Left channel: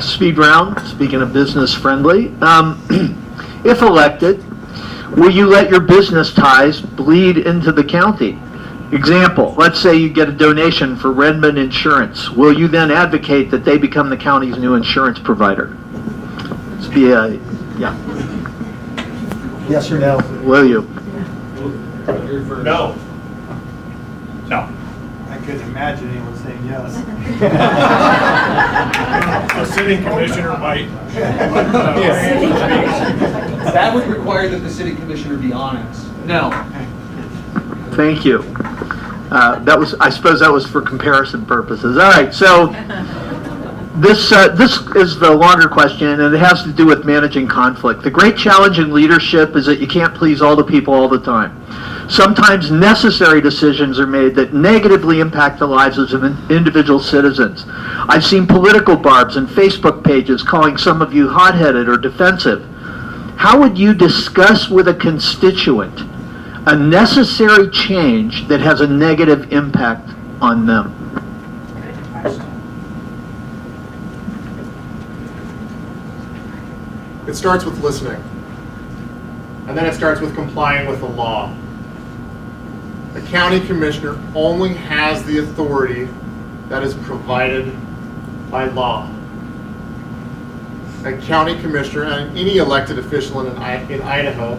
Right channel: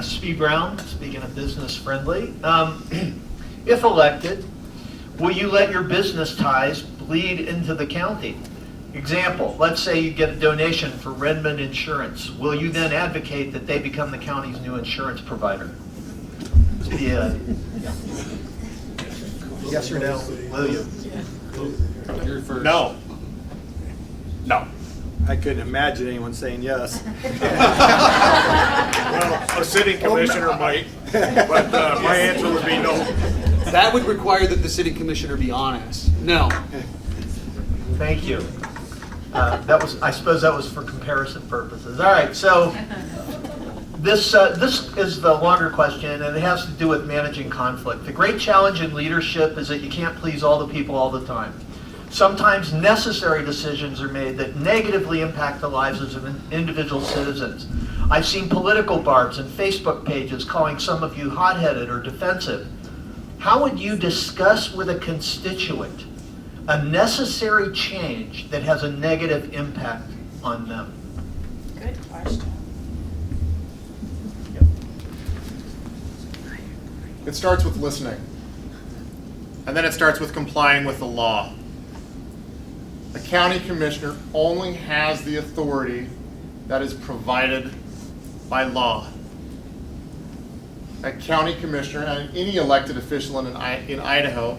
Speed round, speaking of business friendly. If elected, will you let your business ties bleed into the county? Example, let's say you get a donation for Redmond Insurance. Will you then advocate that they become the county's new insurance provider? Yeah. Yes or no? Will you? No. No. I couldn't imagine anyone saying yes. A sitting commissioner might, but my answer would be no. That would require that the city commissioner be honest. No. Thank you. I suppose that was for comparison purposes. All right, so this is the longer question, and it has to do with managing conflict. The great challenge in leadership is that you can't please all the people all the time. Sometimes necessary decisions are made that negatively impact the lives of individual citizens. I've seen political barbs and Facebook pages calling some of you hot-headed or defensive. How would you discuss with a constituent a necessary change that has a negative impact on them? Good question. It starts with listening. And then it starts with complying with the law. The county commissioner only has the authority that is provided by law. A county commissioner and any elected official in Idaho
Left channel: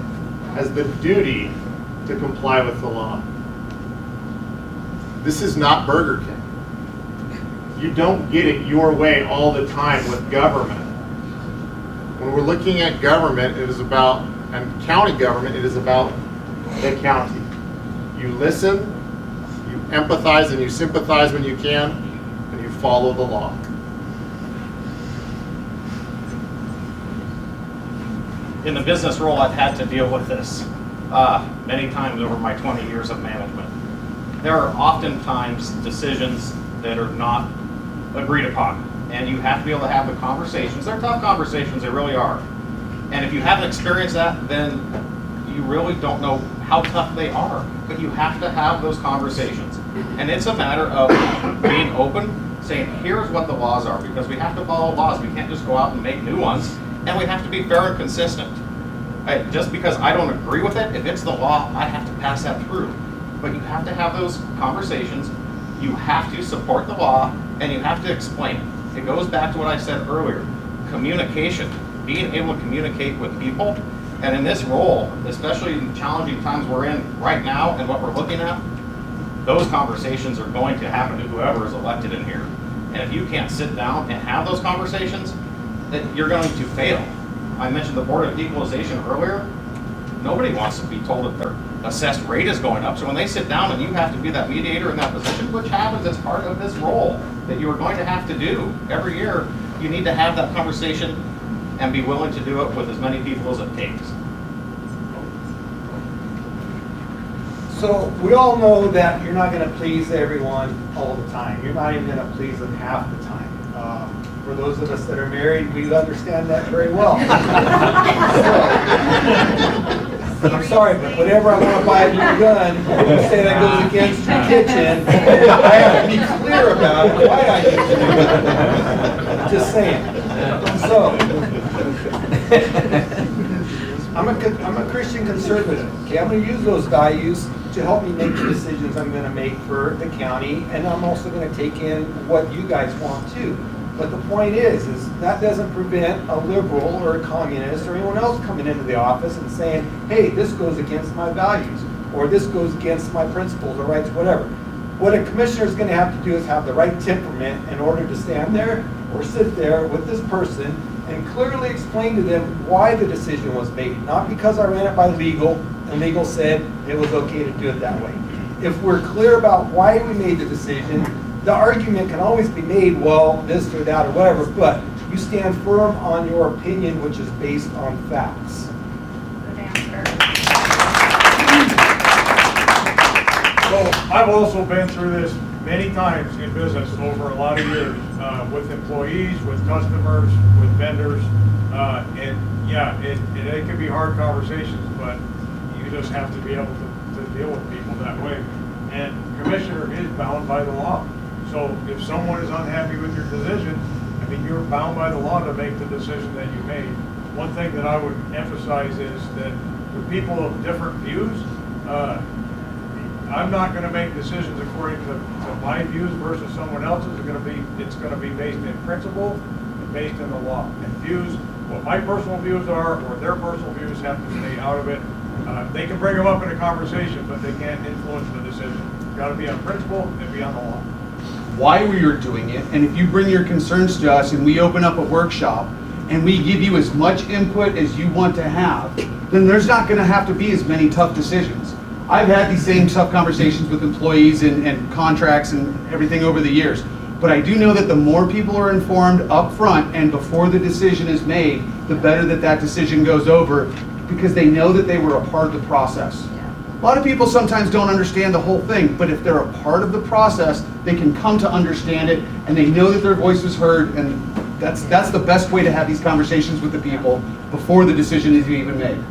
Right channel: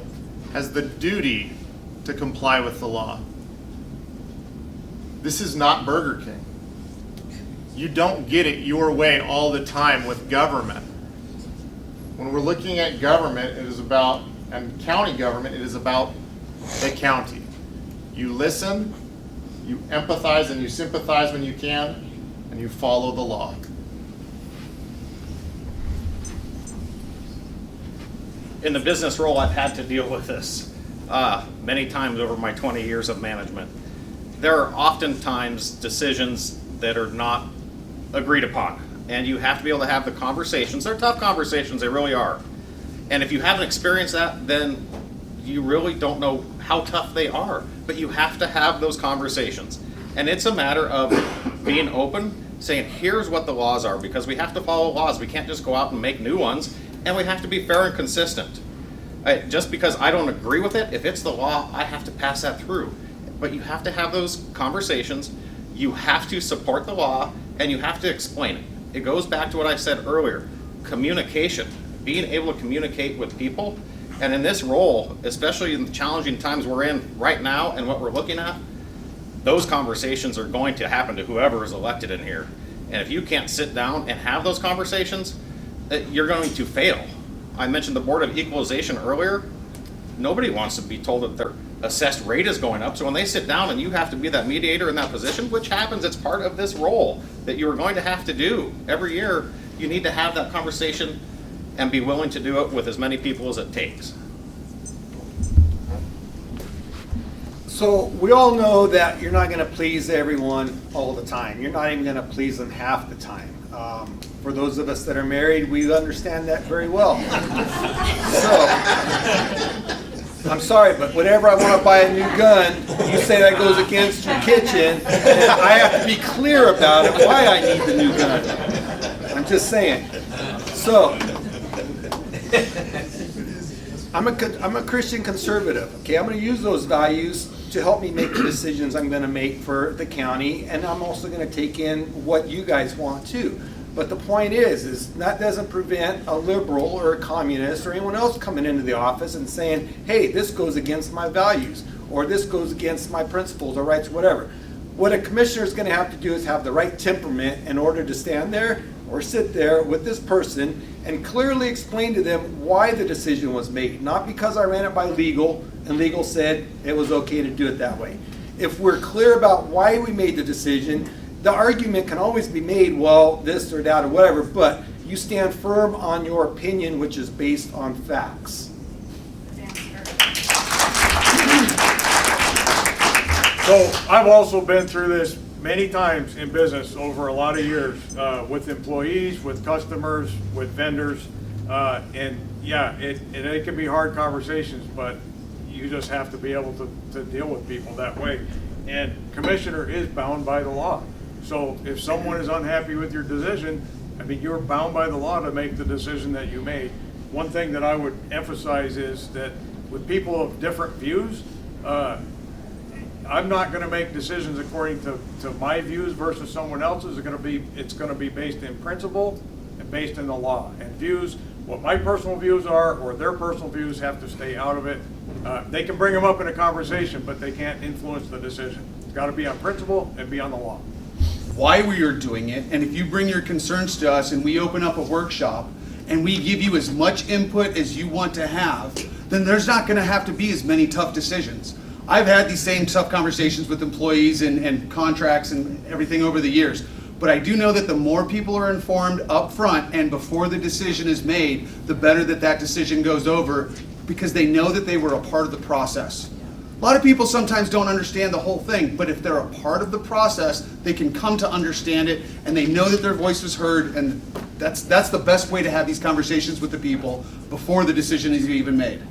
has the duty to comply with the law. This is not Burger King. You don't get it your way all the time with government. When we're looking at government, it is about, and county government, it is about the county. You listen, you empathize, and you sympathize when you can, and you follow the law. In the business role, I've had to deal with this many times over my 20 years of management. There are oftentimes decisions that are not agreed upon, and you have to be able to have the conversations. They're tough conversations, they really are. And if you haven't experienced that, then you really don't know how tough they are. But you have to have those conversations. And it's a matter of being open, saying, here's what the laws are, because we have to follow laws. We can't just go out and make new ones, and we have to be fair and consistent. Just because I don't agree with it, if it's the law, I have to pass that through. But you have to have those conversations. You have to support the law, and you have to explain it. It goes back to what I said earlier, communication, being able to communicate with people. And in this role, especially in the challenging times we're in right now and what we're looking at, those conversations are going to happen to whoever is elected in here. And if you can't sit down and have those conversations, then you're going to fail. I mentioned the Board of Equalization earlier. Nobody wants to be told that their assessed rate is going up. So when they sit down and you have to be that mediator in that position, which happens, it's part of this role that you're going to have to do every year, you need to have that conversation and be willing to do it with as many people as it takes. So we all know that you're not going to please everyone all the time. You're not even going to please them half the time. For those of us that are married, we understand that very well. So, I'm sorry, but whenever I want to buy a new gun, you say that goes against your kitchen, I have to be clear about it, why I need to do that. I'm just saying. So, I'm a Christian conservative. Okay, I'm going to use those values to help me make the decisions I'm going to make for the county, and I'm also going to take in what you guys want too. But the point is that doesn't prevent a liberal or a communist or anyone else coming into the office and saying, hey, this goes against my values, or this goes against my principles or rights, whatever. What a commissioner is going to have to do is have the right temperament in order to stand there or sit there with this person and clearly explain to them why the decision was made. Not because I ran it by legal and legal said it was okay to do it that way. If we're clear about why we made the decision, the argument can always be made, well, this or that or whatever, but you stand firm on your opinion, which is based on facts. Good answer. So I've also been through this many times in business over a lot of years, with employees, with customers, with vendors, and yeah, it can be hard conversations, but you just have to be able to deal with people that way. And commissioner is bound by the law. So if someone is unhappy with your decision, I mean, you're bound by the law to make the decision that you made. One thing that I would emphasize is that with people of different views, I'm not gonna make decisions according to my views versus someone else's. It's gonna be based in principle and based in the law. And views, what my personal views are, or their personal views, have to stay out of it. They can bring them up in a conversation, but they can't influence the decision. Gotta be on principle and be on the law. Why we are doing it, and if you bring your concerns to us and we open up a workshop and we give you as much input as you want to have, then there's not gonna have to be as many tough decisions. I've had these same tough conversations with employees and contracts and everything over the years. But I do know that the more people are informed up front and before the decision is made, the better that decision goes over, because they know that they were a part of the process. A lot of people sometimes don't understand the whole thing, but if they're a part of the process, they can come to understand it, and they know that their voice was heard, and that's the best way to have these conversations with the people before the decision is even made.